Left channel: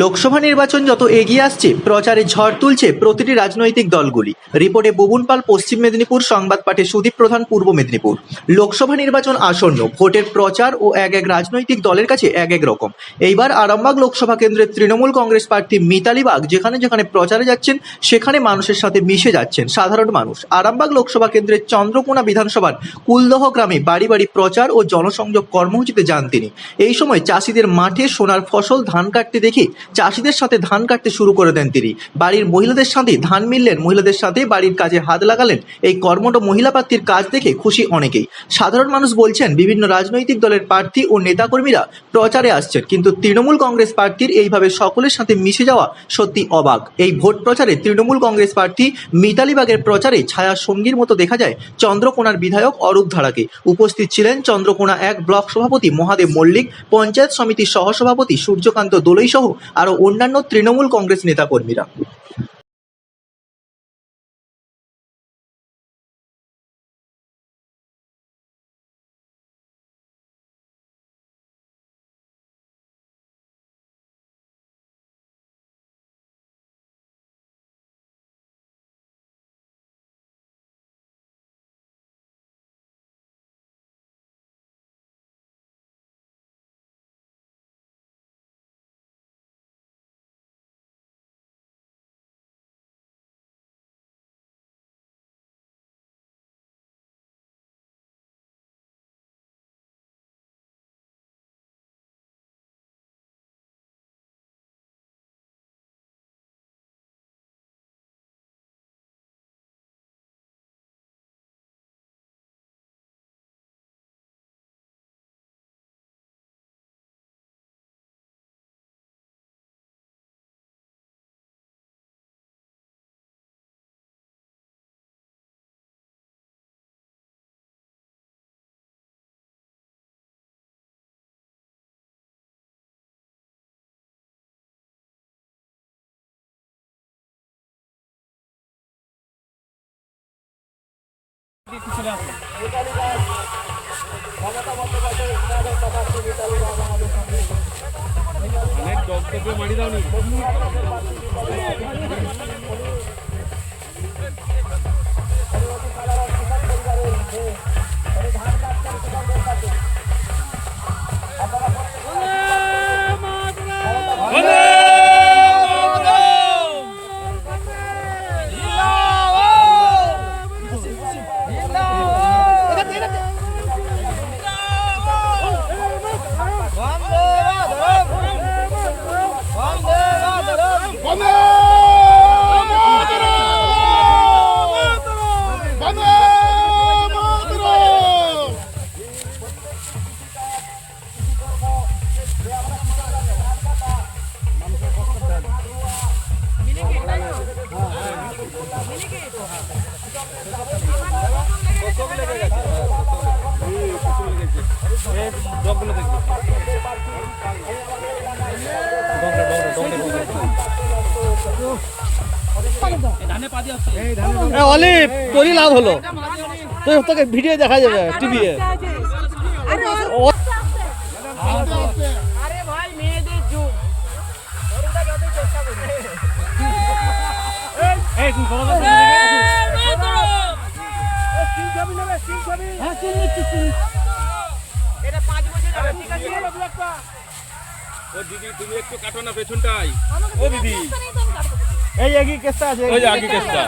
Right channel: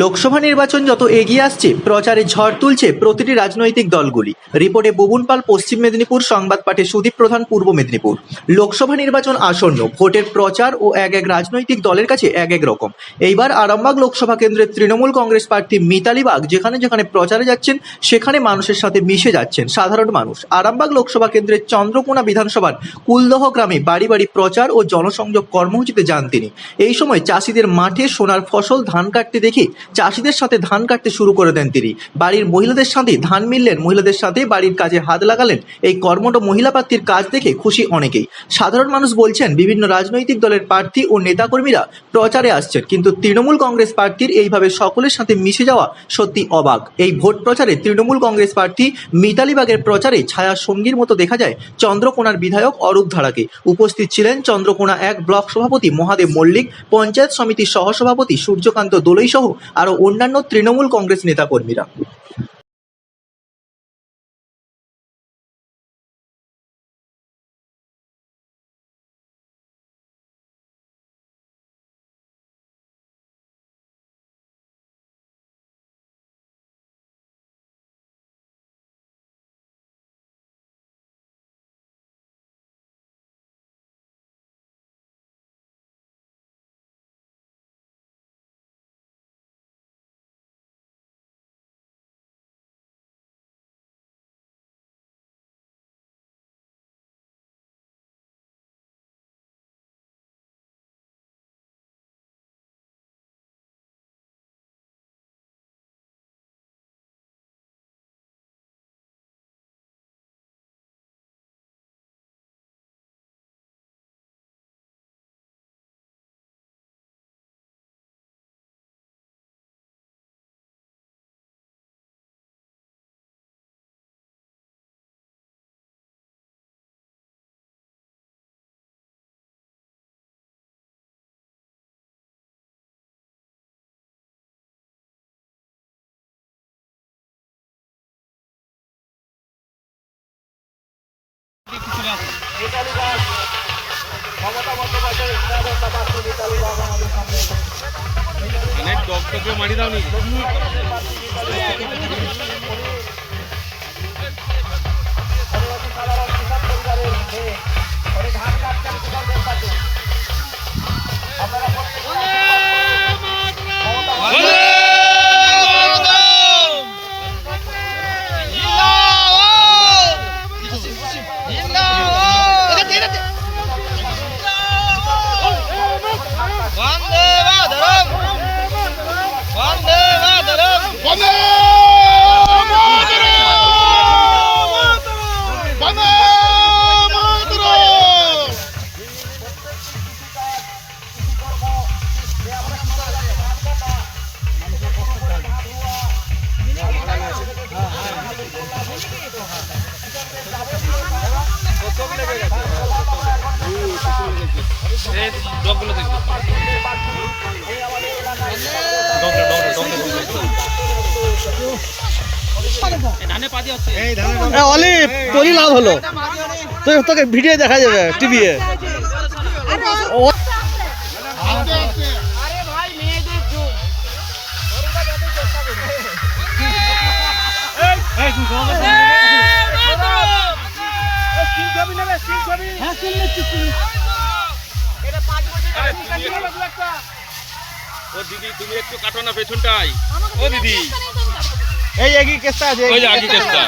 লোকসভা নির্বাচন যত এগিয়ে আসছে, প্রচারে ঝড় তুলছে প্রতিটি রাজনৈতিক দলগুলি। রিপোর্টে বুবুন পাল, পশ্চিম মেদিনীপুর, সংবাদ পাঠে সুদীপ প্রধান, পূর্ব মেদিনীপুর। লোকসভা নির্বাচন আসন্ন, ভোটের প্রচার ও এক এক রাজনৈতিক দলের কাছে এক এক রকম। এইবার আরামবাগ লোকসভা কেন্দ্রের তৃণমূল কংগ্রেস প্রার্থী মিতালি বাগ যেখানে যেখানে প্রচারে যাচ্ছেন, সেখানে মানুষের সাথে মিশে যাচ্ছেন সাধারণ মানুষ। আরামবাগ লোকসভা কেন্দ্রের চন্দ্রকোনা বিধানসভার কুলদহ গ্রামে বাড়ি বাড়ি প্রচার ও জনসংযোগ কর্মসূচিতে যান তিনি। এই সময় চাষিদের মাঠে সোনার ফসল, ধান কাটতে দেখে চাষিদের সাথে ধান কাটতে শুরু করে দেন তিনি। বাড়ির মহিলাদের সাথে ধান মিললেন, মহিলাদের সাথে বাড়ির কাজে হাত লাগালেন। এই কর্মঠ মহিলা প্রার্থীর কাজ দেখে খুশি অনেকেই। সাধারণ মানুষ বলছেন, বিভিন্ন রাজনৈতিক দলের প্রার্থী ও নেতাকর্মীরা প্রচারে আসছেন, কিন্তু তৃণমূল কংগ্রেস প্রার্থীর এইভাবে সকলের সাথে মিশে যাওয়া সত্যি অবাক। এই ভোট প্রচারে তৃণমূল কংগ্রেস প্রার্থী মিতালি বাগের প্রচারে ছায়া সঙ্গীর মতো দেখা যায় চন্দ্রকোনার বিধায়ক অরূপ ধারাকে। উপস্থিত ছিলেন চন্দ্রকোনা এক ব্লক সভাপতি মহাদেব মল্লিক, পঞ্চায়েত সমিতির সহসভাপতি সূর্যকান্ত দোলই সহ আরও অন্যান্য তৃণমূল কংগ্রেস নেতাকর্মীরা। অনেক ডকটকে মারি দাওনি বন্দে ডকগুলো দেখবি অলিভ তোরই লাভ হলো। তোকে ভিডিও দেখা যাবে টিভি ও দিদি তুমি একটু কাটো না পেছনটাই ও দিদি এই একই কেসটা আছে ওই আগে কেসটা